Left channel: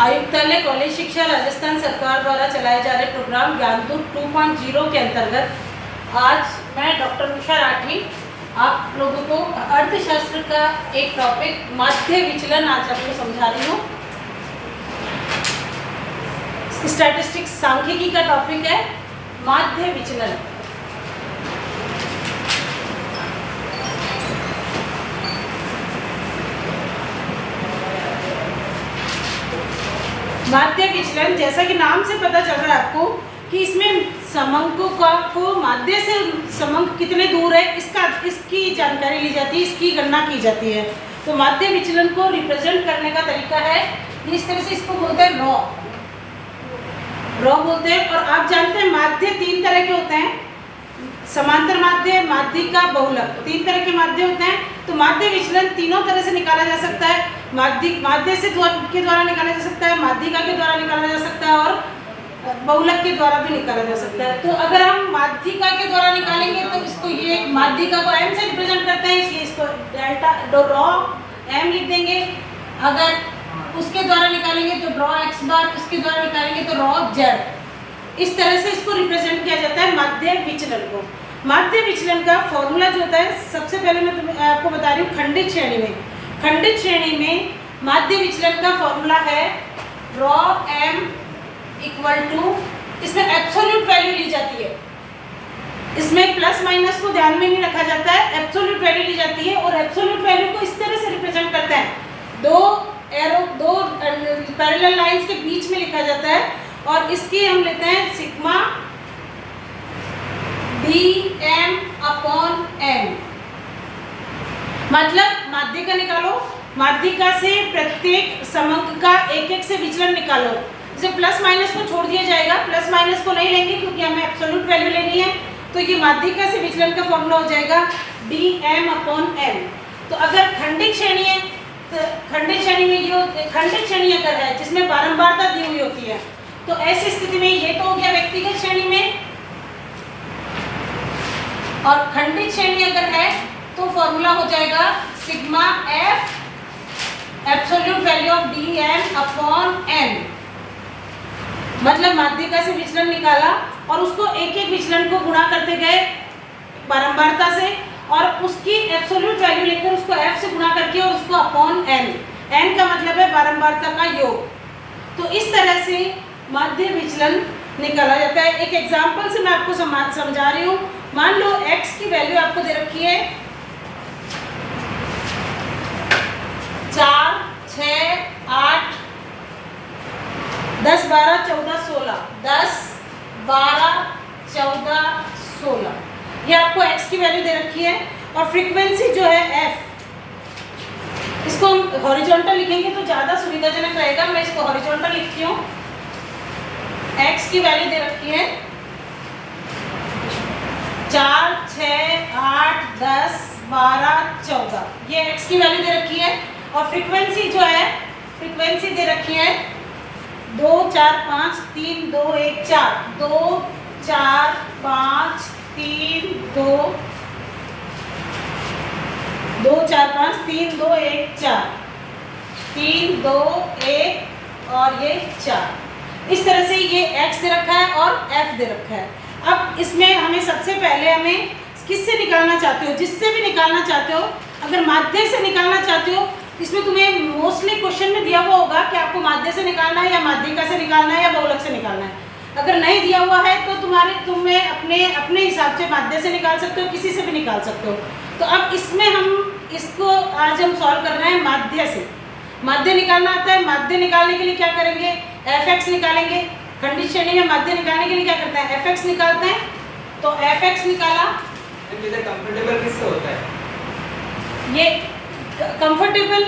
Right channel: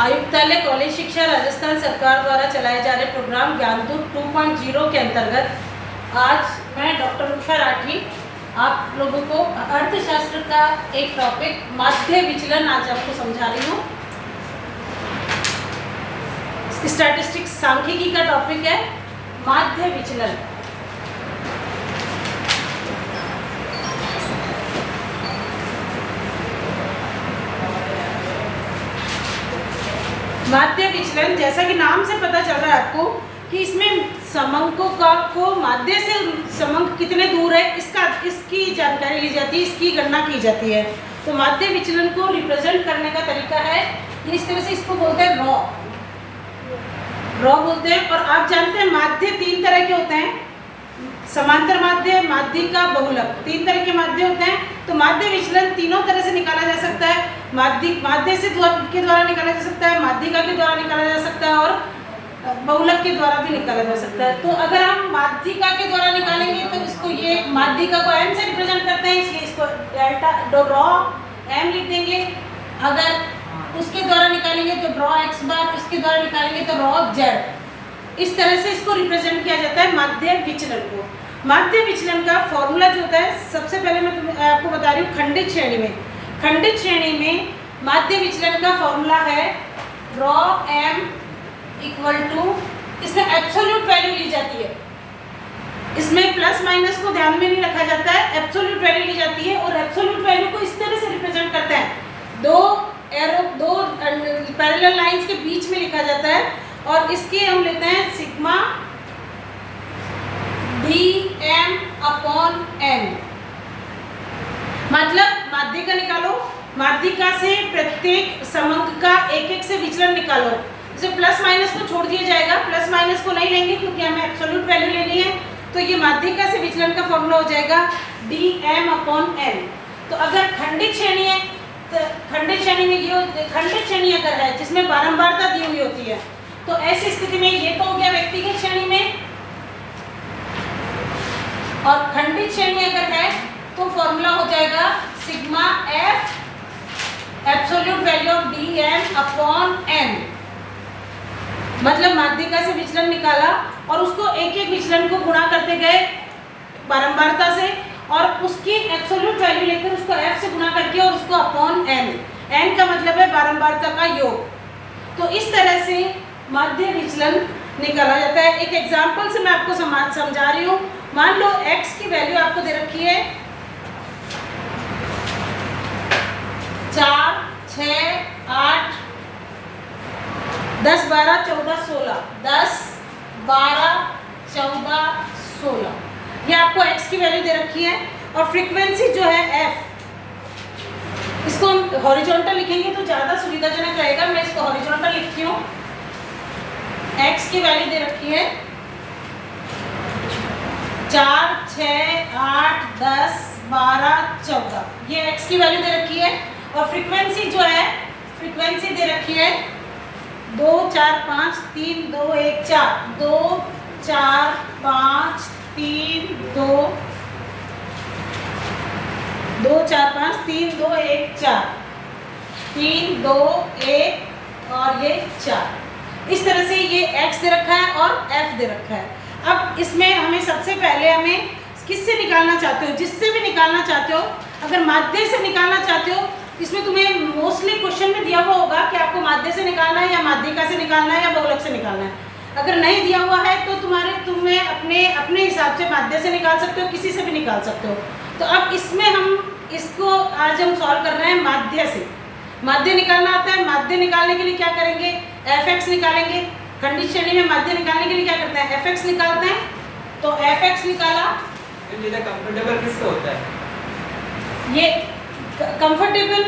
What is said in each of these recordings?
आयुक्तालय कॉलेज शिक्षा राजस्थान सरकार द्वारा चलाए जा रहे प्रोग्राम ज्ञानदूत 2.0 के अंतर्गत आज मैं डॉक्टर उषा राठी आप लोगों को अर्थशास्त्र का एक टॉपिक माध्य विचलन आज आपको समझा रही हूँ। स्टैटिस्टिक्स सांख्यिकी का टॉपिक है माध्य विचलन। माध्य विचलन, जैसा कि नाम से पता चल रहा है आपको कि इसमें समंकों को माध्य से समंक कितने दूर है इसकी जानकारी ली जाती है, इसकी गणना की जाती है। तो माध्य विचलन को रिप्रेजेंट करने का तरीका है इस तरह से, इसको बोलते हैं रॉ बोलते हैं। और आप जानते हैं माध्य तीन तरह के होते हैं, समांतर माध्य, माध्यिका, बहुलक, तीन तरह के माध्य होते हैं। तो माध्य विचलन तीनों तरह से निकाला जा सकता है। माध्य से के द्वारा निकाला जा सकता है, माध्यिका के द्वारा निकाला जा सकता है और बहुलक के द्वारा भी निकाला जा सकता है। तो अगर हम माध्यिका के द्वारा निकालेंगे तो इसको ये माध्यिका को m से रिप्रेजेंट करते हैं, इसलिए इसको डेल्टा रॉ m लिख देंगे। अगर उसके द्वारा निकालेंगे तो ड्रॉ x बार, इसके द्वारा निकालेंगे तो रॉ z। इस तरह से इसको रिप्रेजेंट किया जाता है माध्य विचलन को। माध्य विचलन का फॉर्मूला जो होता है, सबसे पहले मैं आपको बता रही हूँ खंडित श्रेणी में। खंडित श्रेणी में माध्य विचलन का फॉर्मूला है रॉ m इक्वल टू, इसमें एब्सोल्यूट वैल्यू ली जाती है, इसमें प्लस माइनस को ध्यान में नहीं रखा जाता है, एब्सोल्यूट वैल्यू ली जाती है। और एब्सोल्यूट वैल्यू को इस तरह से रिप्रेजेंट करते हैं, दो पैरेलल लाइंस के बीच में लिखा जाता है और इसकी हम लेते हैं सिग्मा dm अपॉन n। मतलब माध्यिका निकालो, माध्यिका से प्रत्येक समंक का एक एक से विचलन निकालो। जैसे प्लस माइनस को छोड़ दिया जाएगा, प्लस माइनस को नहीं लेंगे क्योंकि हमें एब्सोल्यूट वैल्यू लेनी है। तो ये माध्यिका से विचलन का फॉर्मूला हो जाएगा dm अपॉन n। तो अगर खंडित श्रेणी है तो खंडित श्रेणी में ये खंडित श्रेणी अगर है जिसमें बारंबारता दी हुई होती है, तो ऐसी स्थिति में ये तो हो गया व्यक्तिगत श्रेणी में। और खंडित श्रेणी अगर है तो फॉर्मूला हो जाएगा sigma f absolute value of dm upon n। मतलब माध्यिका से विचलन निकाला और उसको एक एक विचलन को गुणा करते गए बारंबारता से और उसकी एब्सोल्यूट वैल्यू लेकर उसको f से गुणा करके और उसको अपॉन n का मतलब है बारंबारता का योग। तो इस तरह से माध्य विचलन निकाला जाता है। एक एग्जांपल से मैं आपको समझा रही हूँ। मान लो x की वैल्यू आपको दे रखी है 4, 6, 8, 10, 12, 14, 16, 10, 12, 14, 16, ये आपको x की वैल्यू दे रखी है। और फ्रीक्वेंसी जो है f, इसको हम हॉरिजॉन्टल लिखेंगे तो ज़्यादा सुविधाजनक रहेगा। मैं इसको हॉरिजॉन्टल लिखती हूँ। x की वैल्यू दे रखी है 4, 6, 8, 10, 12, 14, ये x की वैल्यू दे रखी है। और फ्रीक्वेंसी जो है, फ्रीक्वेंसी दे रखी है 2, 4, 5, 3, 2, 1, 4, 2, 4, 5, 3, 2, 2, 4, 5, 3, 2, 1, 4, 3, 2, 1 और ये 4। इस तरह से ये x दे रखा है और f दे रखा है। अब इसमें हमें सबसे पहले हमें किससे निकालना चाहते हो, जिससे भी निकालना चाहते हो। अगर माध्य से निकालना चाहते हो, इसमें तुम्हें मोस्टली क्वेश्चन में दिया हुआ होगा कि आपको माध्य से निकालना है या माध्यिका से निकालना है या बहुलक से निकालना है। अगर नहीं दिया हुआ है तो तुम्हें अपने हिसाब से माध्य से निकाल सकते हो, किसी से भी निकाल सकते हो। तो अब इसमें हम इसको आज हम सॉल्व कर रहे हैं माध्य से। माध्य निकालना आता है। माध्य निकालने के लिए क्या करेंगे, fx निकालेंगे। खंडित श्रेणी में माध्य निकालने के लिए क्या करते हैं, fx निकालते हैं। तो fx निकाला, कंफर्टेबल किससे होता है? ये कंफर्टेबल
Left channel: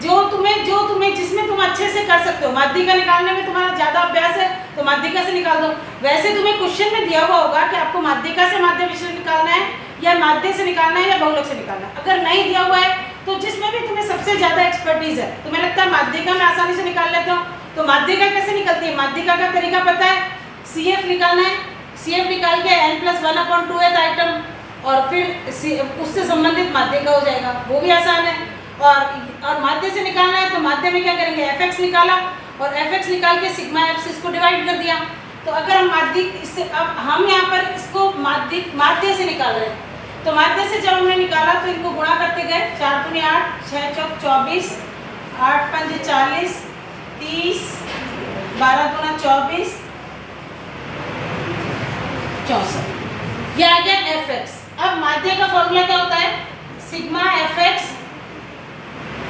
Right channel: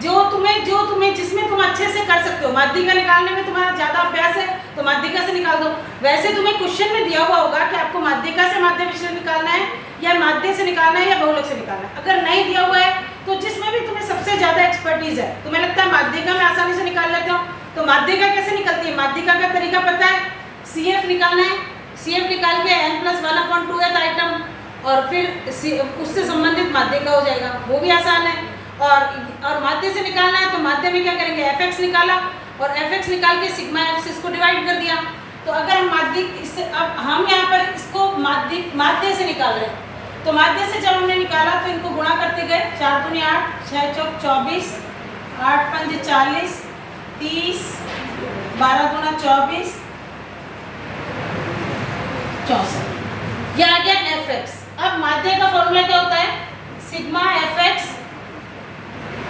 जो तुम्हें जिसमें तुम अच्छे से कर सकते हो। माध्यिका निकालने में तुम्हारा ज़्यादा अभ्यास है तो माध्यिका से निकाल दो। वैसे तुम्हें क्वेश्चन में दिया हुआ होगा कि आपको माध्यिका से माध्य विचलन निकालना है या माध्य से निकालना है या बहुलक से निकालना है। अगर नहीं दिया हुआ है तो जिसमें भी तुम्हें सबसे ज़्यादा एक्सपर्टीज है, तुम्हें लगता है माध्यिका में आसानी से निकाल लेते हो, तो माध्यिका कैसे निकलती है। माध्यिका का तरीका पता है, CF निकालना है। CF निकाल के n+1/2th आइटम और फिर उससे संबंधित माध्यिका हो जाएगा, वो भी आसान है। और माध्य से निकालना है तो माध्य में क्या करेंगे, एफ एक्स निकाला और एफ एक्स निकाल के सिग्मा एफ से इसको डिवाइड कर दिया। तो अगर हम माध्य इससे, अब हम यहाँ पर इसको माध्य से निकाल रहे हैं, तो माध्य से जब हमने निकाला तो इनको गुणा करते गए, 4 दूनी 8, 6 चौक 24, 8 पंजे 40, 30, 12 दूना 24, 64, ये आ गया एफ एक्स। अब माध्य का फॉर्मूला क्या होता है, sigma F x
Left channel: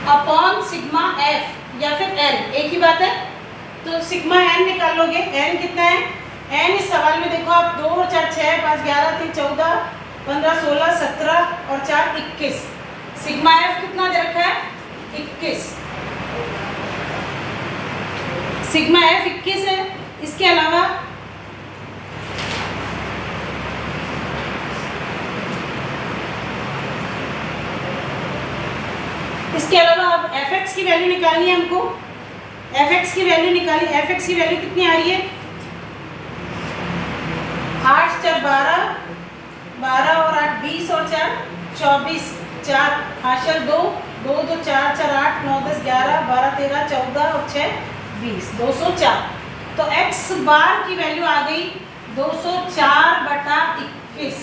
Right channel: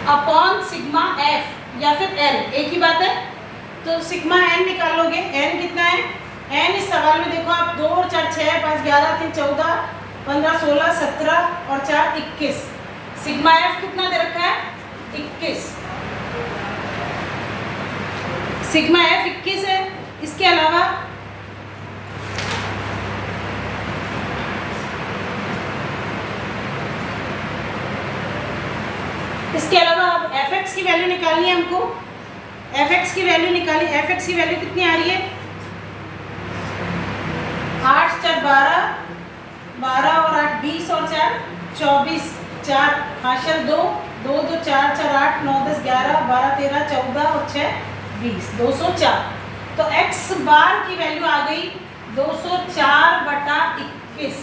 upon sigma F या फिर एन, एक ही बात है। तो सिग्मा एन निकालोगे, एन कितना है, एन इस सवाल में देखो आप 2 और 4 6, 5 11 3 14 15 16 17 और 4 21, सिग्मा एफ कितना दे रखा है 21, सिग्मा एफ 21 है। इसके अलावा अब एफ एक्स की वैल्यू निकालनी है हमको, एफ एक्स की वैल्यू निकाली, एफ एक्स की वैल्यू कितनी आ रही है, 8 4 12, 12 और 8 20 और 4 24, 4 हासिल 2, 2 2 4 4 8 9 10 11 12 13 14 और 6 20, 204। तो एक्स बार की वैल्यू आ गई 204/21।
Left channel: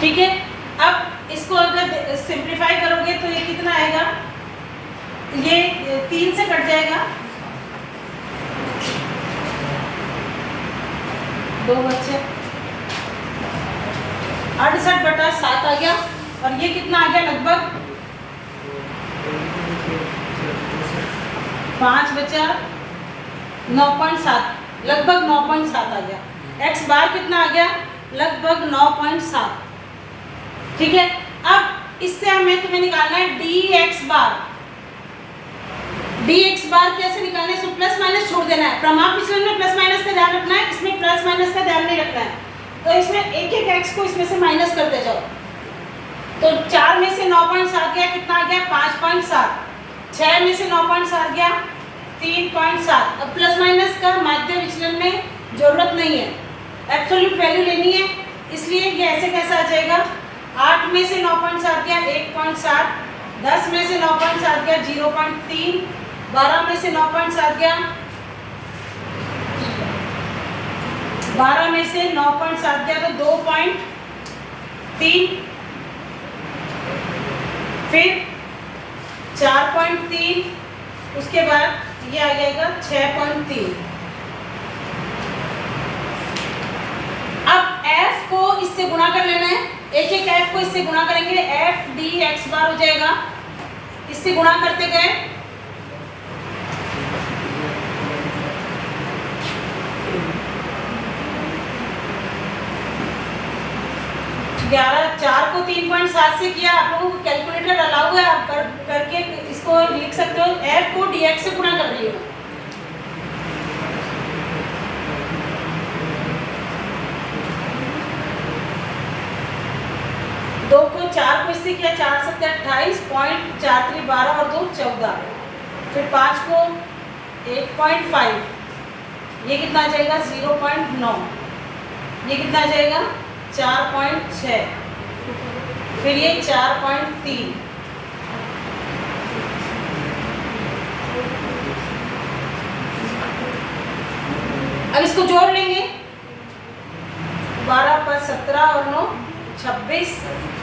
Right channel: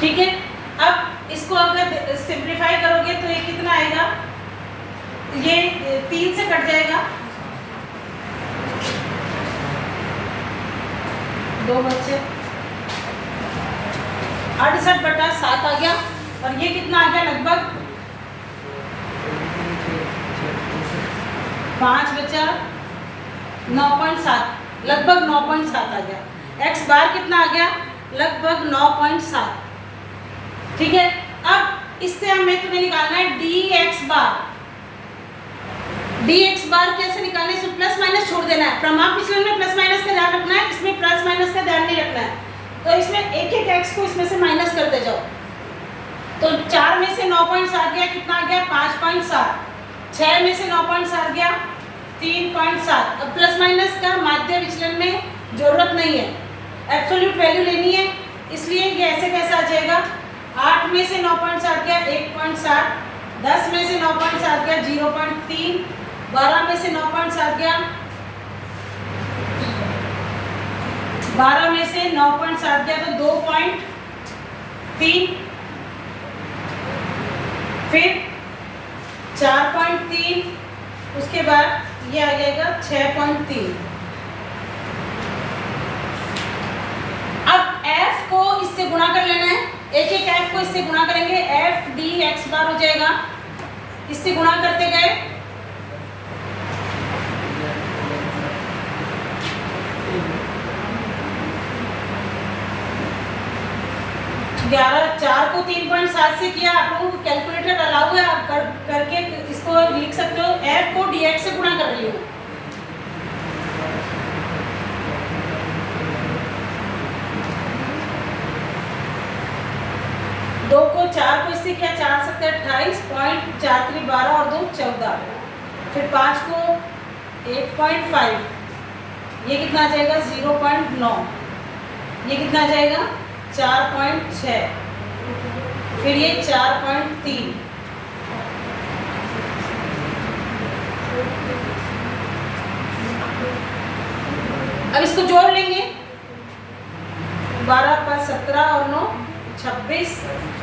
ठीक है, अब इसको अगर सिंप्लीफाई करोगे तो ये कितना आएगा, ये 3 से कट जाएगा, 2 बच्चे 68/7 आ गया। और ये कितना आ गया, लगभग 5 बचा 9.7, लगभग 9.7 आ गया। एक्स बार कितना आ गया, लगभग 9.7। ठीक है, अब इससे हमें तुम्हें निकालना है डी एक्स बार। डी एक्स बार कैसे निकालने, इसमें प्लस माइनस छोड़ देना है, प्रमाप विचलन में प्लस माइनस का ध्यान रखना है, इसमें प्लस माइनस का ध्यान नहीं रखना है। तो इसमें एक एक एक्स को इसमें से माइनस करते जाओ। तो 4 में से 9.7 गया, कितना आ गया 5.7, 6 में से 9.7 गया 3.7। अब प्लस माइनस का माध्य विचलन में जरूरत नहीं है, एब्सोल्यूट वैल्यू लेनी है, इसलिए ये ऐसे कैसा आ जाएगा, 8 में से 9.7 गया 1.7, 10 में से 9.7 गया 0.3, 12 में से 9.7 गया, 12 में से 9.7 गया तो 2.3, फिर 4.3, उसके बाद ये आ जाएगा 6.3। अब f को इससे गुणा कर लेना है, एक एक f को इससे गुणा करेंगे, f डी एक्स बार हो जाएगा, इससे गुणा करते गए 11, 4 को 3.7 से किया, आप लोगों को कैलकुलेटर अलाउ है, आप करके इसको लिख सकते हो, f को dx से गुणा कर रही हूँ। दो को 4 को इससे किया, 4 7 28, 0.43 12 और 2 14, फिर 5 को 8.5, ये कितना आ जाएगा 0.9, ये कितना आ जाएगा 4.6, फिर ये 4.3, अब इसको जोड़ लेंगे, 12 पर 17 और 9 26,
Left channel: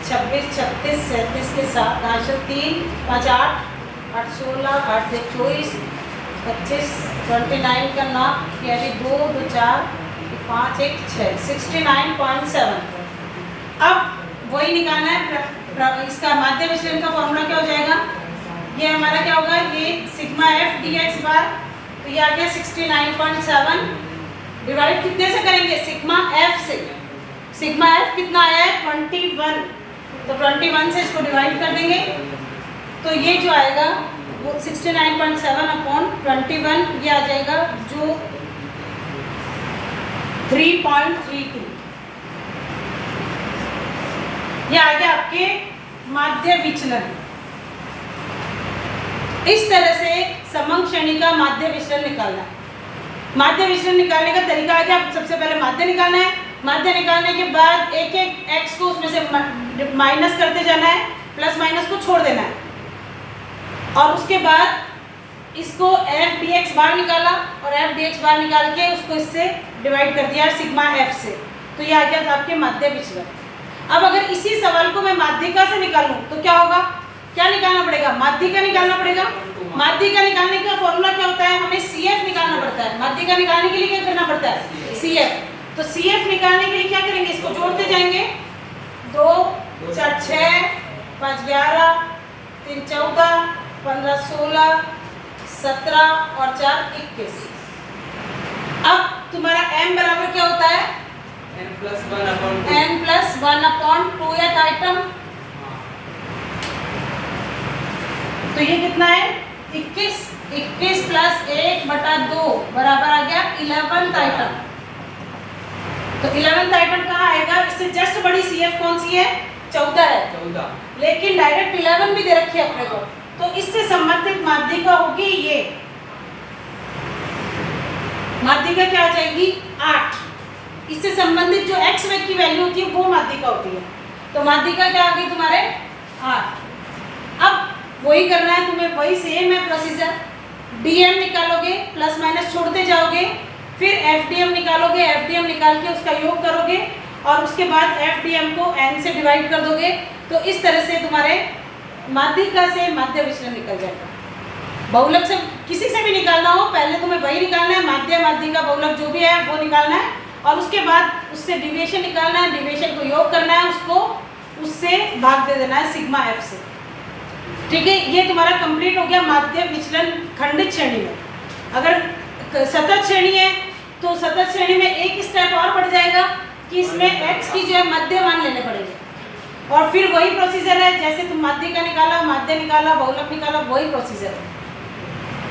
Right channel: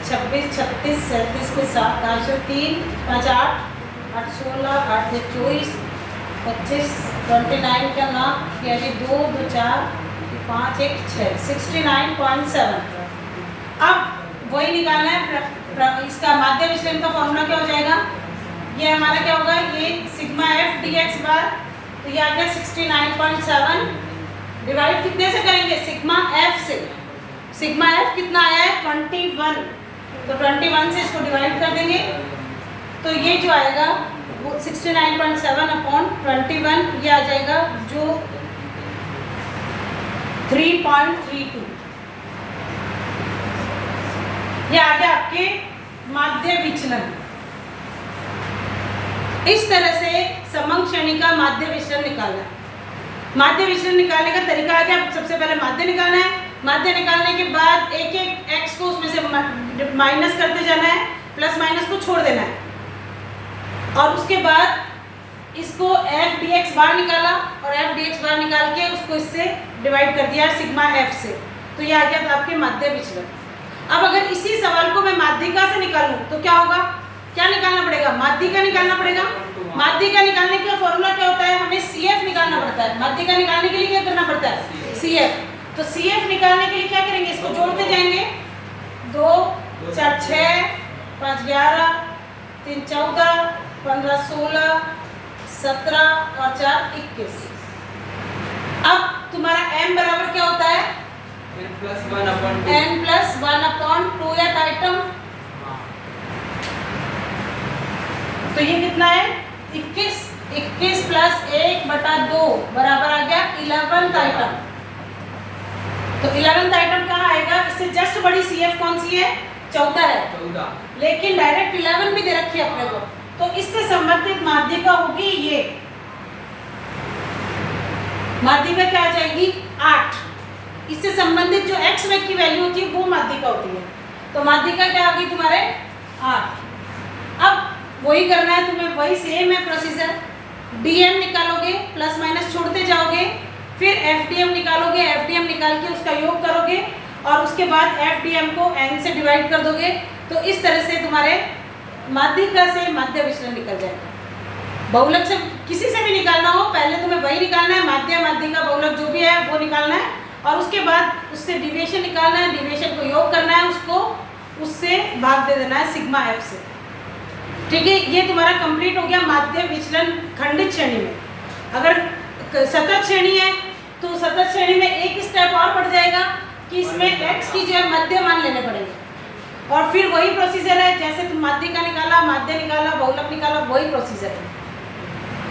26 36 37 के 7 3 5 8 8 16 8 24 25 29 का 9 यानी 2 2 4 5 1 6 69.7। अब वही निकालना है, इसका माध्य विचलन का फॉर्मूला क्या हो जाएगा, ये हमारा क्या होगा, ये सिग्मा एफ डी एक्स बार, तो ये आ गया 69.7, डिवाइड कितने से करेंगे, सिग्मा एफ से, सिग्मा एफ कितना आया है 21, तो 21 से इसको डिवाइड कर देंगे, तो ये जो आएगा वो 69.7 अपॉन 21, ये आ जाएगा जो 3.32, ये आ गया आपके माध्य विचलन। इस तरह से समंग श्रेणी का माध्य विचलन निकालना है। माध्य विचलन निकालने का तरीका है कि आप सबसे पहले माध्य निकालना है, माध्य निकालने के बाद एक एक एक्स को उसमें से माइनस करते जाना है, प्लस माइनस को छोड़ देना है। और उसके बाद इसको एफ डी एक्स बार निकाला और एफ डी एक्स बार निकाल के उसको इससे डिवाइड कर दिया सिग्मा एफ से, तो ये आ गया आपके माध्य विचलन। अब अगर इसी सवाल को मैं माध्यिका से निकालूं तो क्या होगा, क्या निकालना पड़ेगा, माध्यिका निकालना पड़ेगा। माध्यिका निकालने का फॉर्मूला क्या होता है, हमें सी एफ निकालना पड़ता है। माध्यिका निकालने के लिए क्या करना पड़ता है, सी एफ। तो सी एफ निकालने के लिए क्या करेंगे, इसको जोड़ते जाएंगे, 2 4 6 5 11 3 14 15 16 17 और 4 21। अब तुम्हारा m बराबर क्या होता है, n प्लस 1/2th आइटम। तो ये कितना है 21, 21 प्लस 1/2 बराबर आ गया 11th आइटम। तो 11th आइटम कहाँ आएगा, इससे जस्ट बड़ी सी एफ कौन सी है, 14 है, 14, लेकिन डायरेक्ट 11 भी दे रखी है अपने को। तो इससे संबंधित माध्यिका होगी ये, माध्यिका क्या आ जाएगी 8। इससे संबंधित जो x वेग की वैल्यू होती है वो माध्यिका होती है। तो माध्यिका क्या आ गई तुम्हारे 8। अब वही करना है तुम्हें, वही सेम है प्रोसीजर, dm निकालोगे, प्लस माइनस छोड़ते जाओगे, फिर fdm निकालोगे, fdm निकाल के उसका योग करोगे और उसके बाद fdm को n से डिवाइड कर दोगे। तो इस तरह से तुम्हारे माध्यिका से माध्य विचलन निकल जाएगा। बहुलक से किसी से भी निकालना हो, पहले तुम्हें वही निकालना है, माध्य माध्यिका बहुलक जो भी है वो निकालना है और उसके बाद उससे डिविएशन निकालना है, डिविएशन को योग करना है, उसको उससे भाग दे देना है सिग्मा एफ से। ठीक है, ये तुम्हारा कंप्लीट हो गया माध्य विचलन खंडित श्रेणी में। अगर सतत श्रेणी है तो सतत श्रेणी में एक स्टेप और बढ़ जाएगा कि इसमें x की जो है मध्य मान लेने पड़ेंगे और फिर वही प्रोसीजर है, जैसे तुम माध्यिका निकाला, माध्य निकाला, बहुलक निकाला, वही प्रोसीजर है।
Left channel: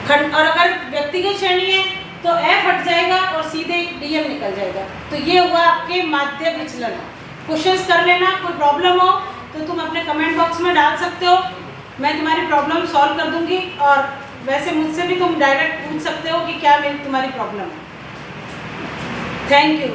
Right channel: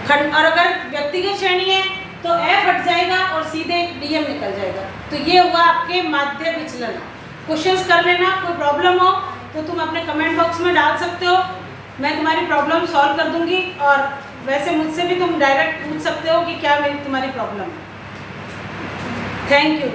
और अगर व्यक्तिगत श्रेणी है तो f हट जाएगा और सीधे dm निकल जाएगा। तो ये हुआ आपके माध्य विचलन। क्वेश्चंस कर लेना, कोई प्रॉब्लम हो तो तुम अपने कमेंट बॉक्स में डाल सकते हो, मैं तुम्हारी प्रॉब्लम सॉल्व कर दूंगी। और वैसे मुझसे भी तुम डायरेक्ट पूछ सकते हो कि क्या मेरी तुम्हारी प्रॉब्लम है। Thank you.